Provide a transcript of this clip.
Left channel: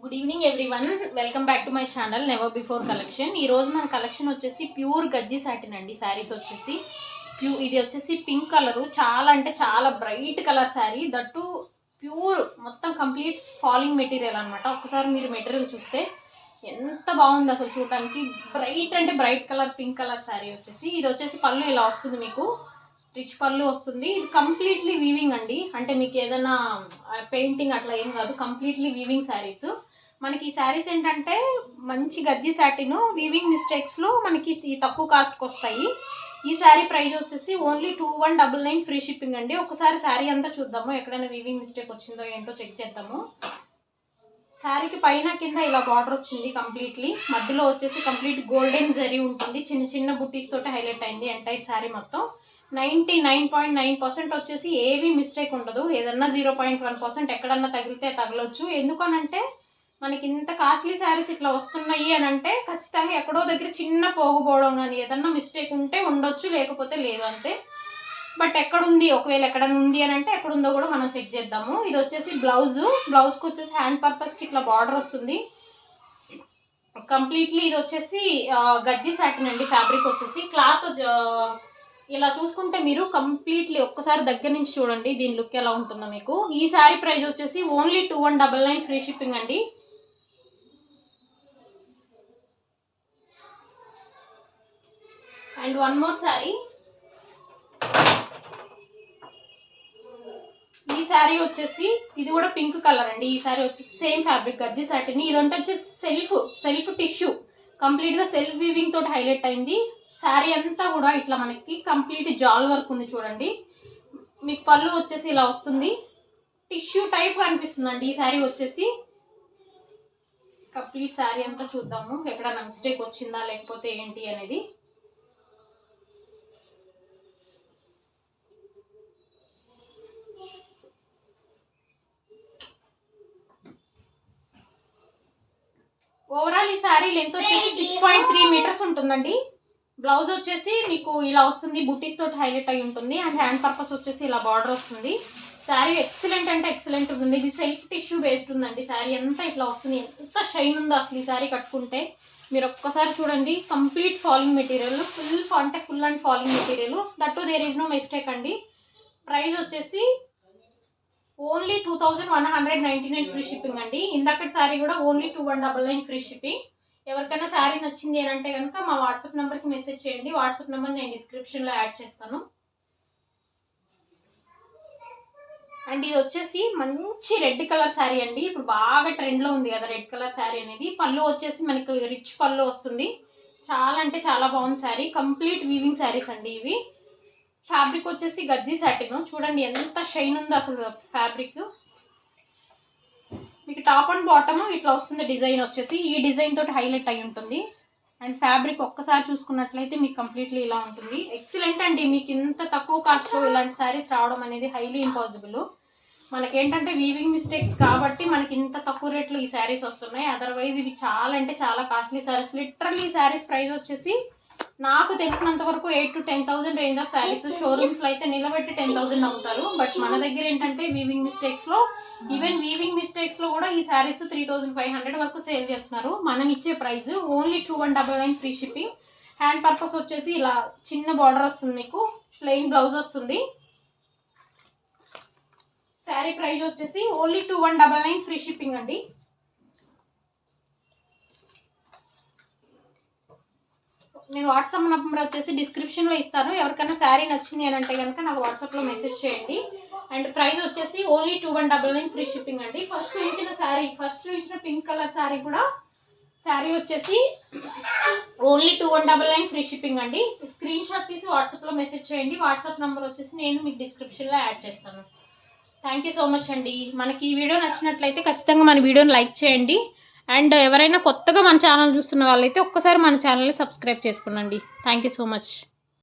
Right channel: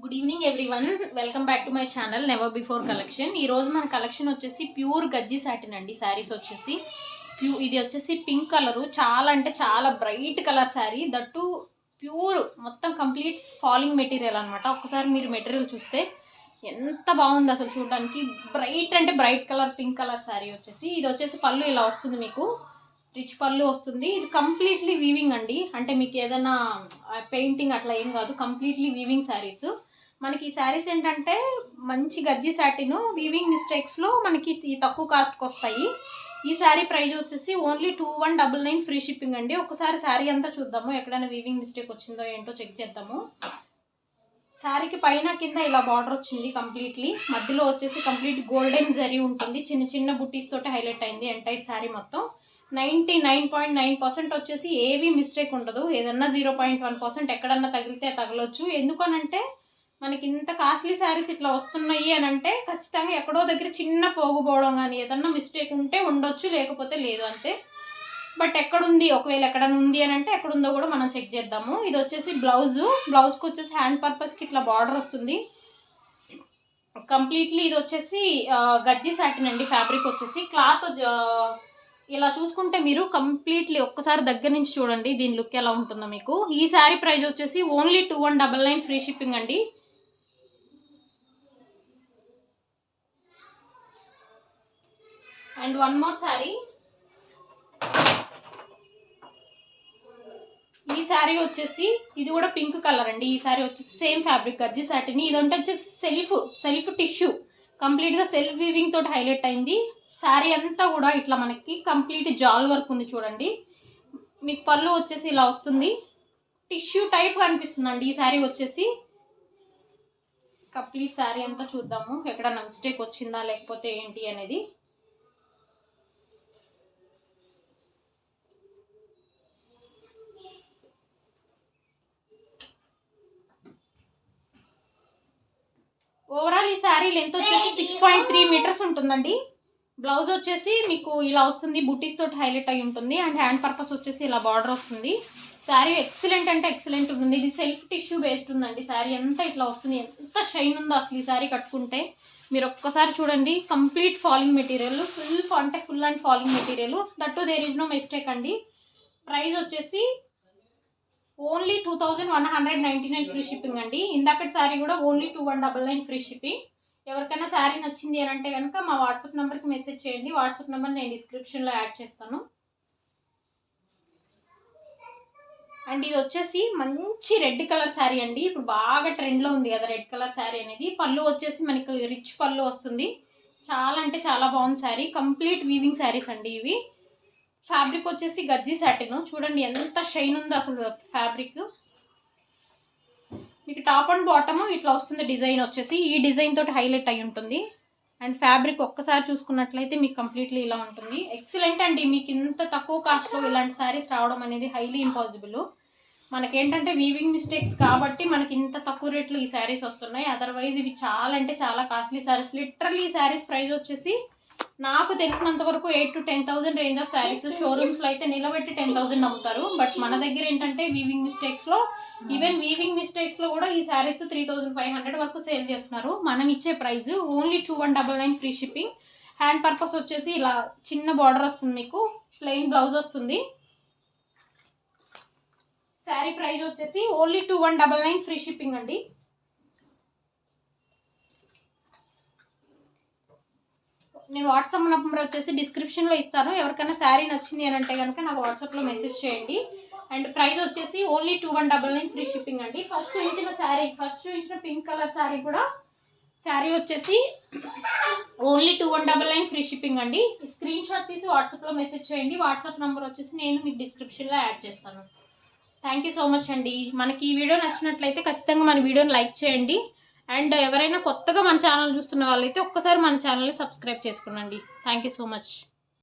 Good evening everyone, welcome back to my channel never before collection. ఈరోజు మన collection వచ్చేసి pure గజ్జి satin అండి. శారీస్ వచ్చేసి ఇది వచ్చేసి పింక్ కలరు, చాలా అంటే చాలా bright colour sari, that pure మొత్తం కంప్లీట్ ఫాలింగ్ మెటీరియల్ అనమాట. ఒకసారి మీరు మెటీరియల్ చూస్తే ఎంత బాగుంది అసలు చూడడానికి. బ్రైట్ అంటే bright colour pink colour sari వచ్చేసి ఇది వచ్చేసి పళ్ళు ఇలా వస్తుంది, మీకు రిచ్ పళ్ళు వస్తుంది. ఇది కంప్లీట్లీ వీవింగ్ అండి, అంటే మీకు ఏదైనా పెయింటింగ్ అట్లా ఏం కాదు, కంప్లీట్లీ వీవింగ్ శారీస్. మనకి ఈ శారీస్ ఏంటంటే మంచి గజ్జి సాటిన్, వీవింగ్ మిస్టేక్స్లో మనకి తక్కువ కాస్ట్కి వస్తాయి. ఈ శారీ ప్రైస్ వచ్చేసి ఓన్లీ 2199 ఫ్రీ షిప్పింగ్ అండి. ఒకసారి శారీ అంతా చూద్దాము, ఎక్కడైనా వీవింగ్ మిస్టేక్ వచ్చిందో ఏంటో చెక్ చేద్దాము. శారీకి పైన కింద ఇలా బార్డర్ వచ్చింది కంప్లీట్లీ, మధ్యలో వచ్చేసి కంప్లీట్ గోల్డెన్ జరీ ఉంటుంది, చిన్న చిన్న బుట్టీస్ తోటి హైలైట్ అయింది ఎంటైర్ శారీ మొత్తం. 99.9% వచ్చేసి ఏవి మిస్టేక్ ఉండదు. ఏదన్నా 0.1% ఎక్కడన్నా తగిలితే తగలొచ్చు. ఎందుకనంటే మనకి ఇంత కాస్ట్లీ శారీస్ ఇట్లా వస్తున్నాయి అని అంటే ఖచ్చితంగా ఎక్కడో దగ్గర చిన్న పోగుపోవడం కానీ ఏదన్నా మిస్టేక్ ఉంటే ఉండొచ్చు, లేకపోతే లేదు అంతే. బట్ ఎక్కడుంది, ఒకవేళ ఎక్కడన్నా ఉంది అని అంటే ఎక్కడుందో కూడా మనం చెక్ చేద్దాము. ఇది వచ్చేసి బ్లౌజ్కి వచ్చేసి హ్యాండ్ పర్పస్కి ఇట్లా బార్డర్ వస్తుంది కంప్లీట్లీ. ఇది వచ్చేసి గజ్జి సాటిన్ అండి. ఫ్యాబ్రిక్ వచ్చేసి క్లాత్ ఇలా చూసుకుంటే మీరు కంప్లీట్లీ ఒక్కసారి దగ్గర నుంచి చూడండి దీని లుక్ ఎలా ఉంటుందో మీకు. ఈ శారీ ప్రైస్ వచ్చేసి ఓన్లీ 2199 ఫ్రీ షిప్పింగ్ అండి. అండ్ వన్ మోర్ శారీ, ఈ శారీ వచ్చేసి ఇది కూడా పింక్ కలర్ అండి. ఈ శారీ వచ్చేసి సేమ్ ఫ్యాబ్రిక్ గజ్జి సాటిన్. ఇదంటే వచ్చేసి సెల్ఫ్ టిష్యూ, కంప్లీట్గా సెల్ఫ్ వీవింగ్ తోటి హైలైట్ అయింది. శారీ అంతా కూడా ఇట్లా మనకి కంప్లీట్ జాల్ వర్క్ ఉంది చూడండి. మీకు పళ్ళు వచ్చేసి ఇలా వస్తుంది, టిష్యూ టైప్ అనిపిస్తుందండి ఈ శారీ వచ్చేసి. కంప్లీట్ శారీ అంతా చూద్దాము, ఎక్కడన్నా మిస్టేక్ వచ్చిందా లేకపోతే ఏంటి అనేది. ఓవరాల్ ఈ శారీ లెంత్ వచ్చేసి 6.3 మీటర్స్ ఉంటుందండి. బ్లౌజ్ వచ్చేసి మీకు ఇలా వస్తుంది, బుటీస్ తోటి హైలైట్ అయి ఉంటుంది. అండ్ హ్యాండ్ పర్పస్ వచ్చేసి ఇలా బార్డర్ వస్తుంది. శారీ ఎక్సలెంట్ అంటే ఎక్సలెంట్ ఉంటుంది. ఇది సెల్ఫ్ టిష్యూ బేస్డ్ ఉందండి. శారీ అంతా ఇట్లా వస్తుంది, ఎంత షైన్ ఉందో అసలు ఈ శారీ కట్టుకుంటే. మీరు ఒక్కసారి చూడండి, complete falling material, full and falling material, that there is no mistake అండి. ప్రైస్ వచ్చేసి ఓన్లీ 2199 ఫ్రీ షిప్పింగ్ అండి. ఇందాకటి శారీ కూడా ఓన్లీ 2199 ఫ్రీ షిప్పింగ్. ఎవరికైనా శారీ నచ్చింది అని అంటే కనుక మా వాట్సాప్ నెంబర్కి మెసేజ్ చేయండి. వాట్సాప్ నెంబర్ నేను డిస్క్రిప్షన్లో యాడ్ చేస్తాను. అండ్ ఇది వచ్చేసి మంచి రెడ్ కలర్ శారీ అండి. ఇప్పుడు బాగా ట్రెండ్లో ఉంది కదా రెడ్ కలర్ శారీ అనేది. పళ్ళు వచ్చేసి మనకి రిచ్ పళ్ళు వస్తుంది, చాలా అంటే చాలా బాగుంది శారీ. కంప్లీట్ వీవింగ్ శారీస్ అండి ఇవి. ఫ్యాబ్రిక్ వచ్చేసి గజ్జి సాటిన్, చూడండి ఎంత షైన్ ఉందో అసలు ఫ్యాబ్రిక్. మీకు టాప్ అండ్ బాటమ్ ఇట్లా వస్తుంది డిజైన్ వచ్చేసి, ఈ డిజైన్ తోటి హైలైట్ అయి ఉంటుంది. అండ్ ఫ్యాబ్రిక్ ఒక్కసారి చూసుకున్నట్లయితే మీకు కంప్లీట్లీ ఇలా ఉంటుంది. ఎక్సలెంట్ అండి. మీకు ఇంత తక్కువ కాస్ట్లో ఇలాంటి శారీస్ రావడం అనేది హైలీ ఇంపాసిబుల్. మనకేంటంటే వీవింగ్ మిస్టేక్స్ కాబట్టి మనకి ఇంత తక్కువ రేట్లో ఈ శారీస్ వస్తున్నాయి. అదర్వైజ్ ఇవి చాలా అంటే చాలా కాస్ట్లీ శారీస్. లిటరల్లీ ఈ శారీస్ ప్రైస్ వచ్చేసి నాకు తెలిసినంత వరకు 8,000 to 10,000 రేంజ్ ఆఫ్ శారీస్. షోరూమ్స్లో అయితే నిలబెట్టి 10,000 అమ్ముతారు. బట్ మన దగ్గర ఏంటంటే వీవింగ్ మిస్టేక్స్లో, ఈవెన్ వీవింగ్ మిస్టేక్స్లో కూడా ఈ శారీస్ 3,500 వరకు సేల్ చేస్తున్నారు. మనం ఇచ్చే price only 2199 free shipping. Hand purpose వచ్చేసి ఇలా చిన్న బార్డర్ వస్తుంది, మీకు ప్లెయిన్ బ్లౌజ్ వస్తుంది. శారీ ప్రైస్ వచ్చేసి ఓన్లీ 2199 ఫ్రీ షిప్పింగ్ అండి. నేను వాట్సాప్ నెంబర్ వచ్చేసి డిస్క్రిప్షన్లో ఇస్తాను. ఎవరికైనా శారీ నచ్చింది అని అంటే కనుక నాకు వాట్సాప్లో మెసేజ్ చేయండి. అండ్ ప్రైస్ వచ్చేసి ఓన్లీ 2199 ఫ్రీ షిప్పింగ్ అండి. ఫస్ట్ చూపించిన పింక్ కలర్ శారీ కూడా శారీ వచ్చేసి ఓన్లీ 2199 ఫ్రీ షిప్పింగ్ అండి. స్క్రీన్ షాట్ తీసి వాట్సాప్లో మెసేజ్ చేయండి. వాట్సాప్ నెంబర్ వచ్చేసి నేను మీకు డిస్క్రిప్షన్లో యాడ్ చేస్తాను. థ్యాంక్ యూ సో మచ్ అండి. మనకి ఈ వీడియో నచ్చినట్లయితే ఖచ్చితంగా మన వీడియోని లైక్ చేయండి. అండ్ ఎవరైనా కొత్తగా మన ఛానల్ చూస్తున్న వాళ్ళైతే ఒక్కసారి మన ఛానల్ని సబ్స్క్రైబ్ చేసుకోండి. Thank you so much.